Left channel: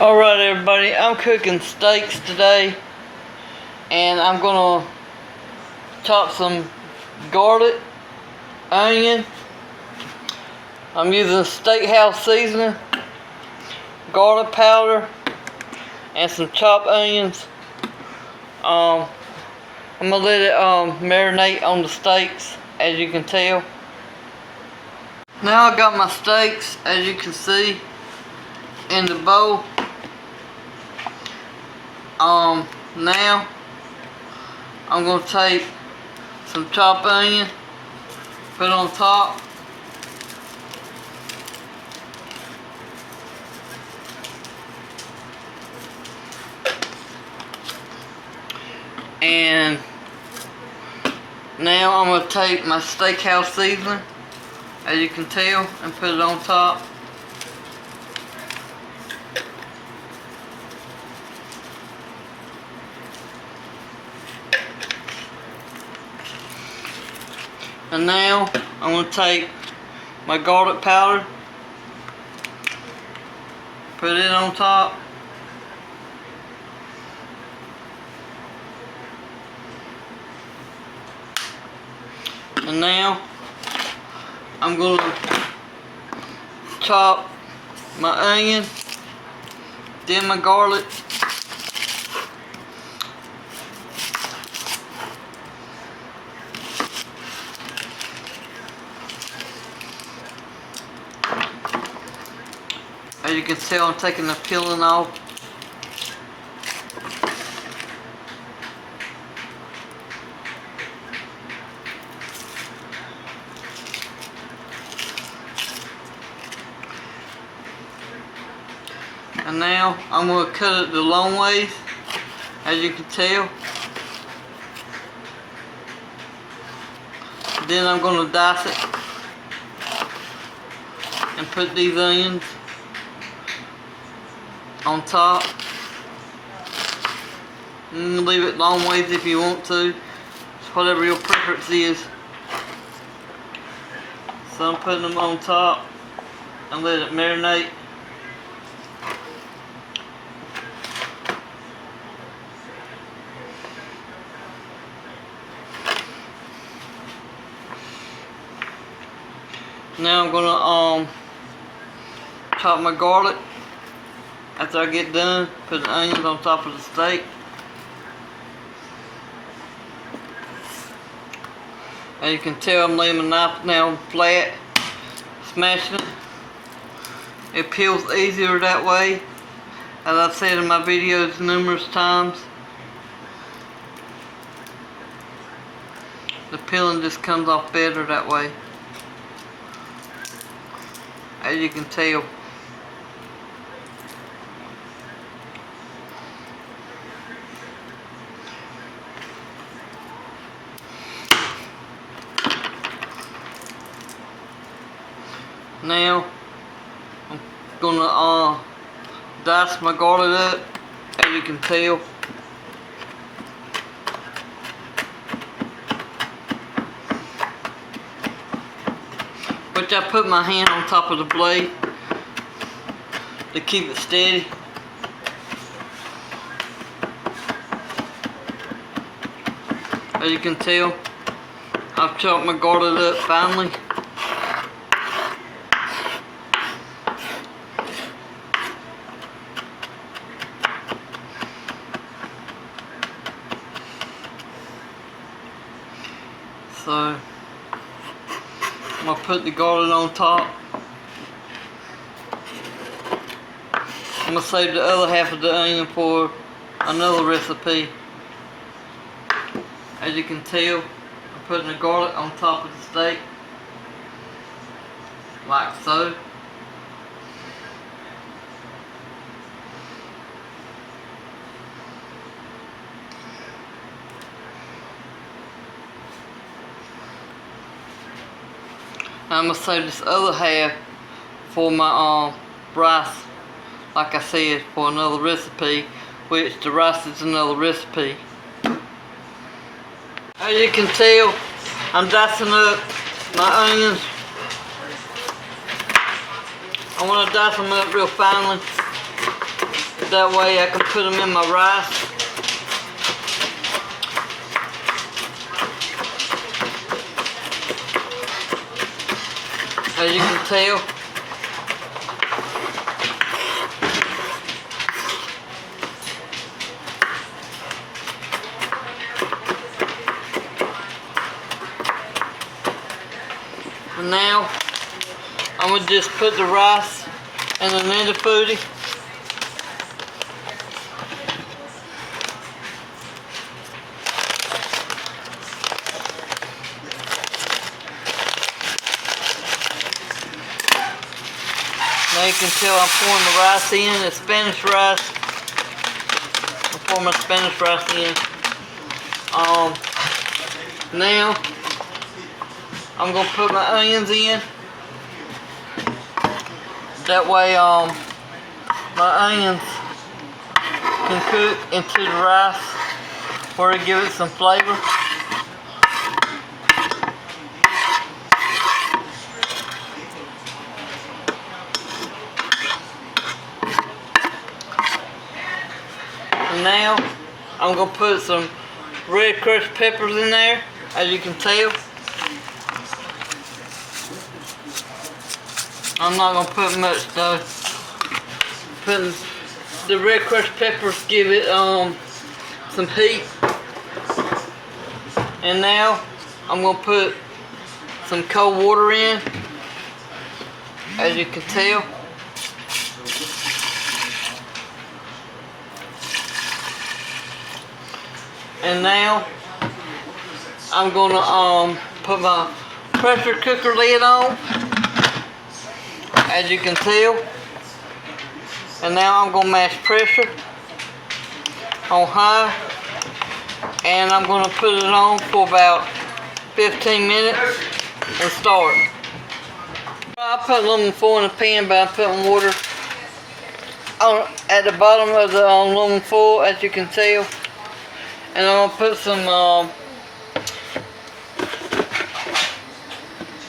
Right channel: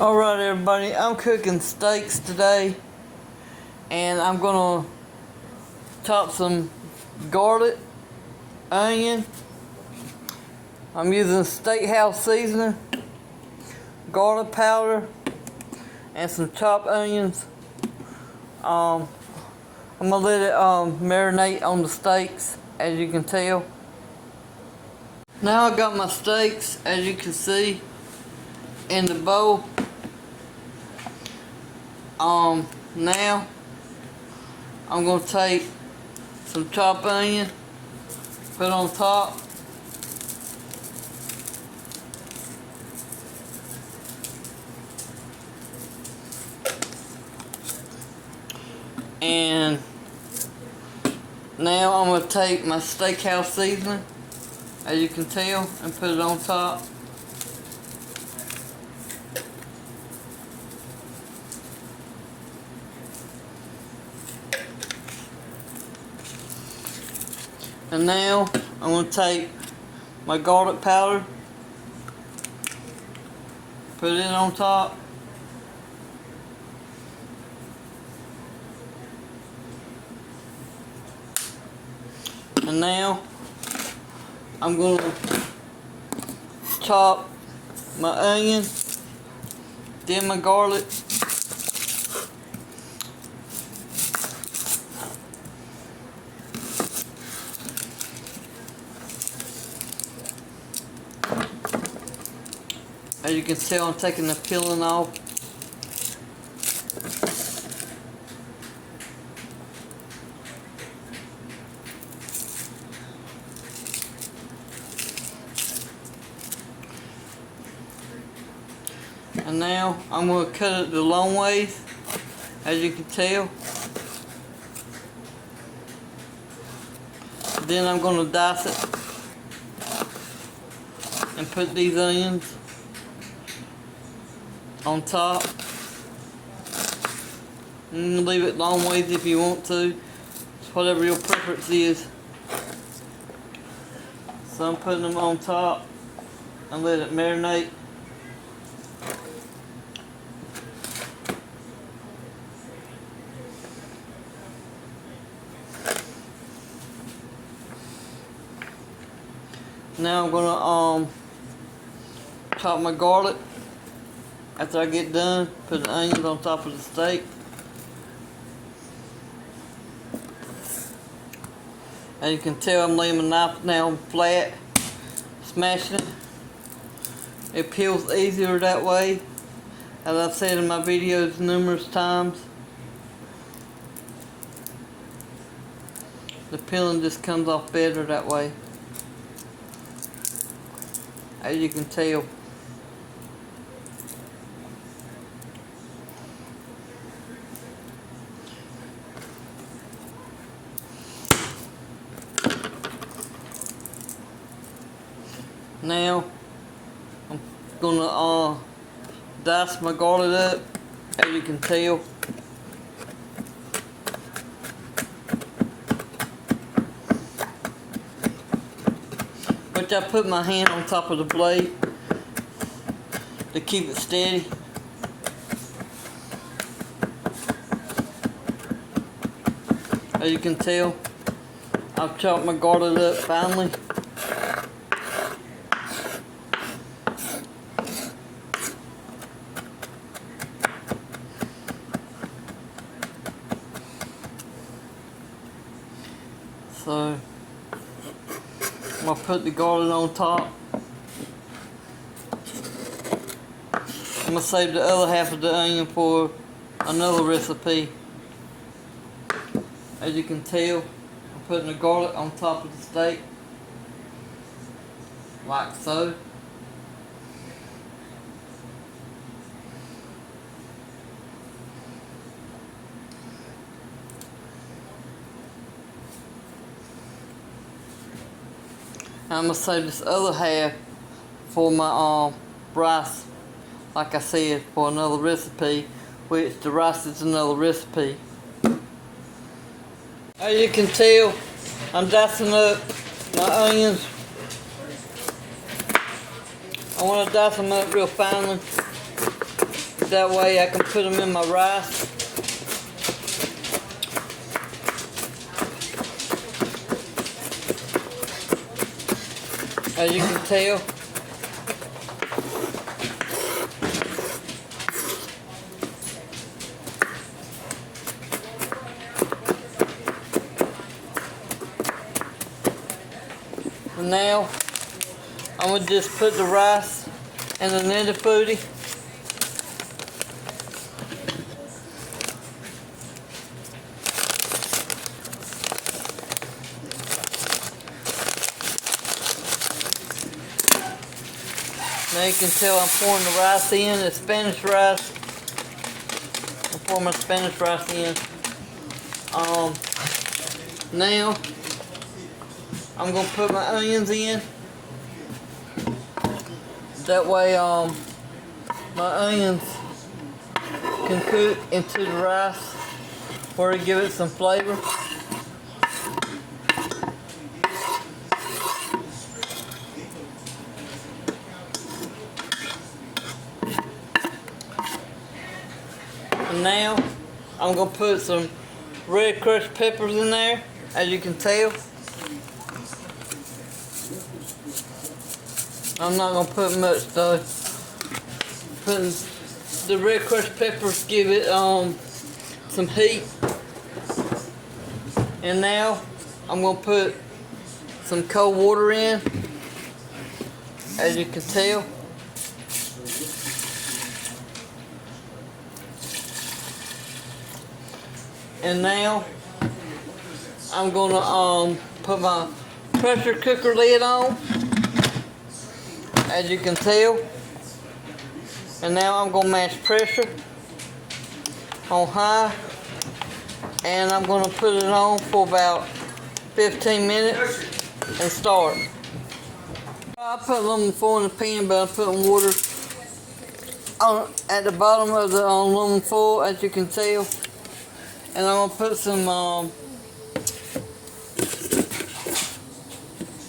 Alright everybody, I'm cooking steaks today and I'm gonna chop some garlic, onion. I'm using steakhouse seasoning, garlic powder, and some chopped onions. I'm gonna let it marinate on the steaks, as you can tell. Now I got my steaks, as you can see, in the bowl. Now I'm gonna take some chopped onion, put it on top. And now I'm gonna take my steakhouse seasoning, as you can tell, and put it on top. And now I'm going to take my garlic powder, put it on top. And now I'm going to chop my onion, then my garlic. As you can tell, I'm taking the peeling off. And now I'm going to cut it the long ways, as you can tell. Then I'm going to dice it and put these onions on top. And leave it long ways if you want to. It's whatever your preference is. So I'm putting them on top and let it marinate. Now I'm gonna chop my garlic. After I get done, put the onions on top of the steak. As you can tell, I'm laying my knife now flat, smashing it. It peels easier that way, as I've said in my videos numerous times. The peeling just comes off better that way, as you can tell. Now I'm gonna dice my garlic up, as you can tell. Which I put my hand on top of the blade to keep it steady. As you can tell, I've chopped my garlic up finally. So I'm gonna put the garlic on top. I'm gonna save the other half of the onion for another recipe. As you can tell, I'm putting the garlic on top of the steak, like so. Now I'm going to save this other half for my rice, like I said, for another recipe, which the rice is another recipe. As you can tell, I'm dicing up my onions. I want to dice them up real finely. That way I can put them in my rice. As you can tell. Now, I'm going to just put the rice in the Ninja Foodi. Now you can tell I'm pouring the rice in, it's Spanish rice. I'm pouring my Spanish rice in. Now, I'm going to put my onions in. That way my onions can cook into the rice where it give it some flavor. Now I'm going to put some red crushed peppers in there, as you can tell. I'm not going to put much though. Putting the red crushed peppers give it some heat. And now I'm going to put some cold water in, as you can tell. And now I'm going to put my pressure cooker lid on, as you can tell. And now I'm going to mash pressure on high, and I'm going to put it on for about 15 minutes and start. I put aluminum foil in the pan, but I'm putting water at the bottom of the aluminum foil, as you can tell. And I'm going to put some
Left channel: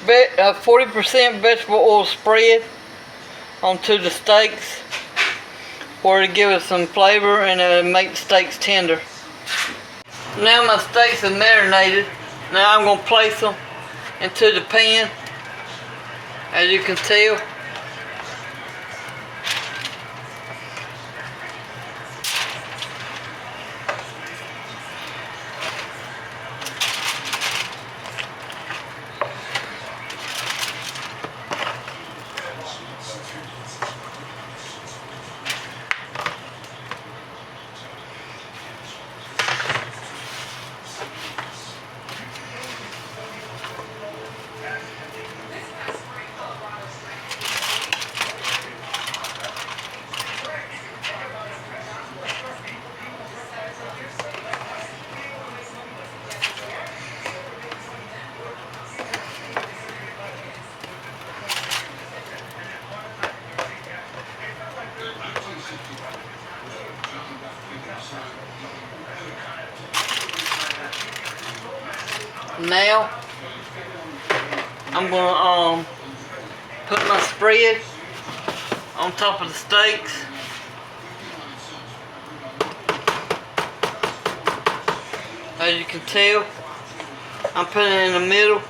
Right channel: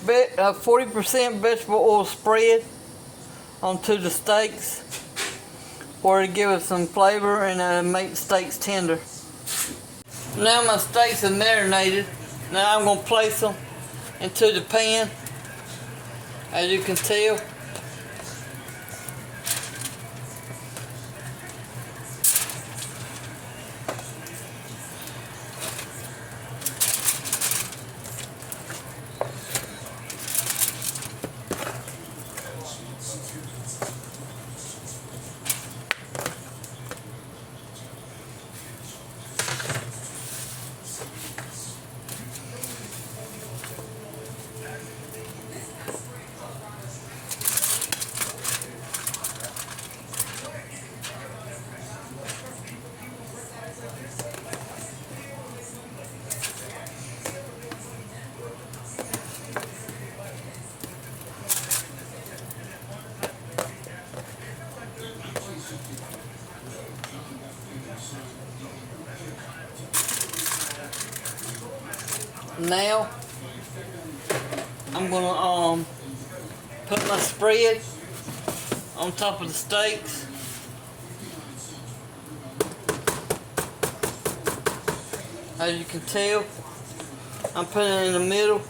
40% vegetable oil spread onto the steaks, where to give it some flavor and make the steaks tender. Now my steaks are marinated. Now I'm going to place them into the pan, as you can tell. Now I'm gonna put my spread on top of the steaks. As you can tell, I'm putting it in the middle.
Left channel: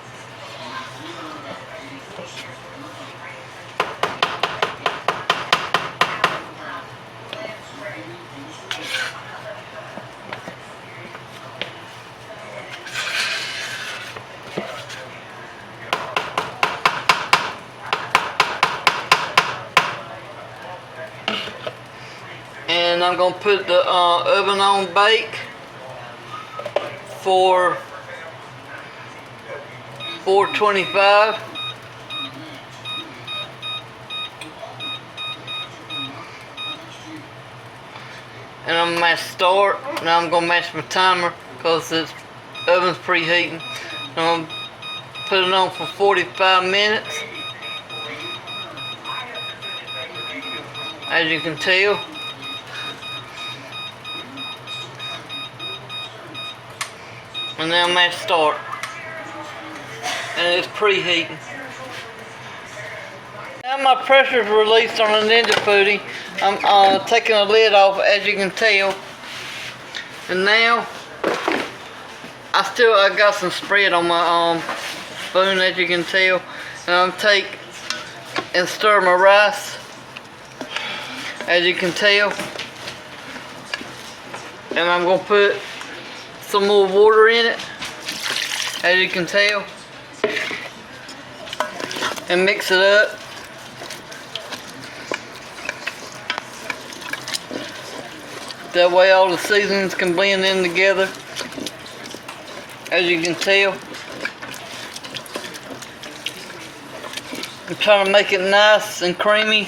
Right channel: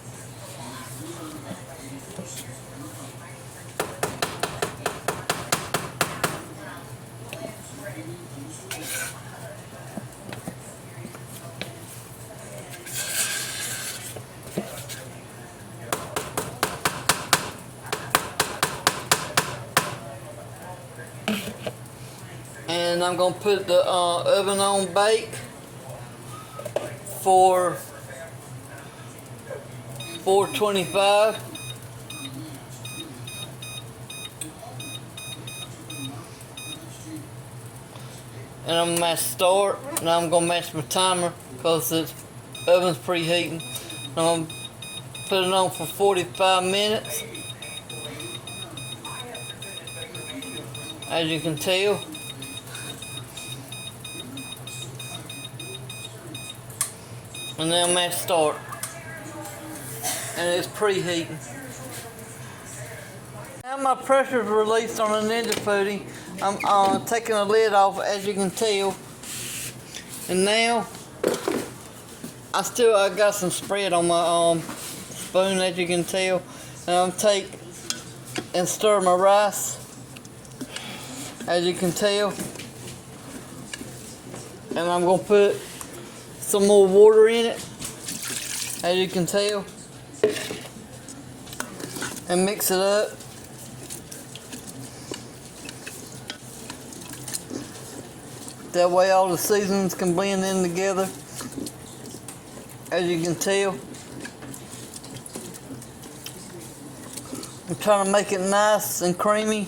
And I'm going to put the oven on bake for 425. And I'm going to mash start. Now I'm going to mash my timer because the oven's preheating. I'm going to put it on for 45 minutes. As you can tell. And now mash start. And it's preheating. Now my pressure's released on the Ninja Foodi, I'm taking the lid off, as you can tell. And now, I got some spread on my spoon, as you can tell. And I'm take and stir my rice, as you can tell. And I'm gonna put some more water in it, as you can tell, and mix it up. That way all the seasonings can blend in together, as you can tell. I'm trying to make it nice and creamy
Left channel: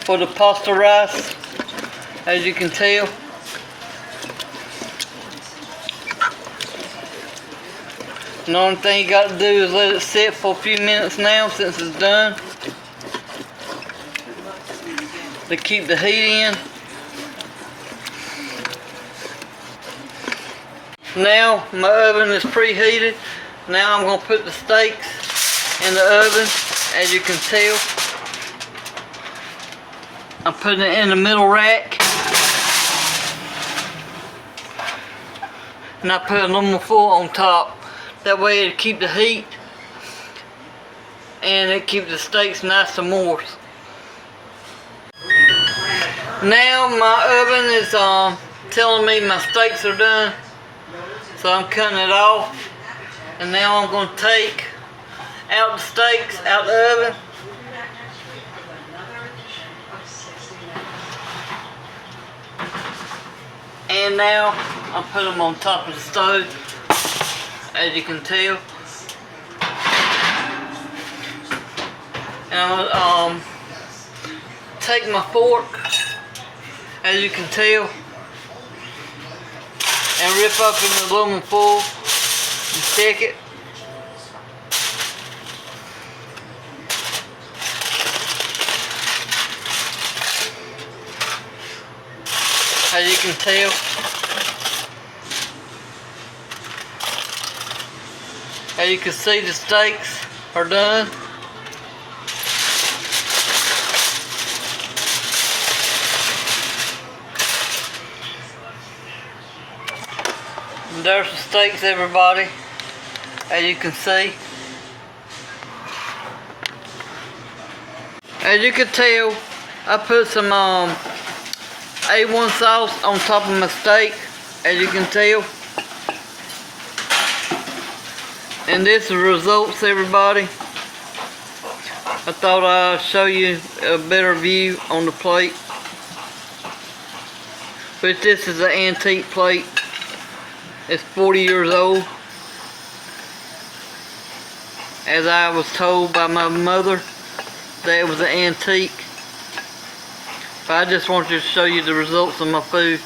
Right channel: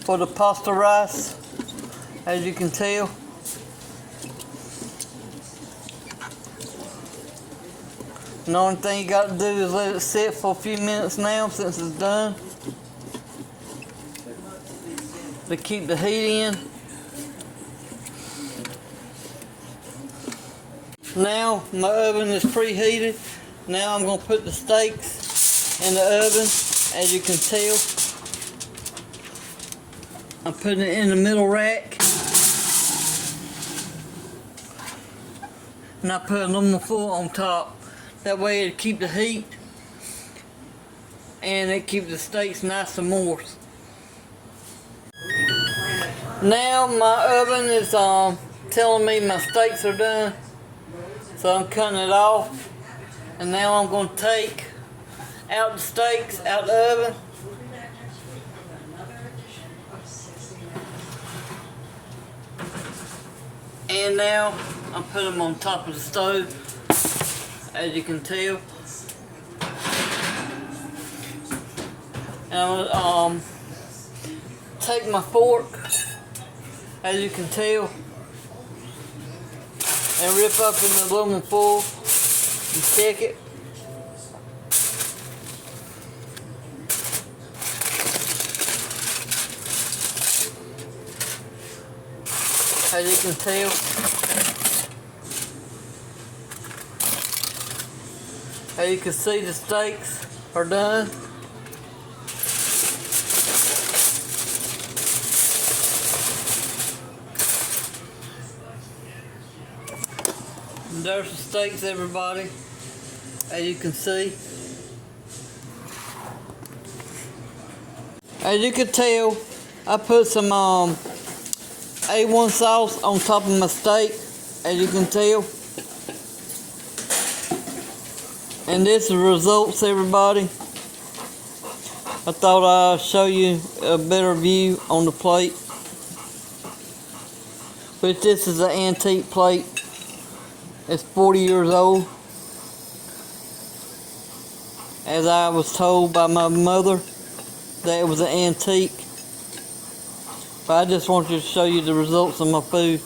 for the pasta rice, as you can tell. And the only thing you got to do is let it sit for a few minutes now since it's done, to keep the heat in. Now my oven is preheated. Now I'm going to put the steaks in the oven, as you can tell. I'm putting it in the middle rack. And I put aluminum foil on top. That way it'll keep the heat and it keeps the steaks nice and moist. Now my oven is telling me my steaks are done. So I'm cutting it off. And now I'm going to take out the steaks out the oven. And now I'll put them on top of the stove, as you can tell. And I'll take my fork, as you can tell, and rip up in the aluminum foil and stick it. As you can tell. As you can see, the steaks are done. And there's the steaks, everybody, as you can see. As you can tell, I put some A1 sauce on top of my steak, as you can tell. And this is the results, everybody. I thought I'd show you a better view on the plate. But this is an antique plate. It's 40 years old, as I was told by my mother that it was an antique. But I just wanted to show you the results of my food.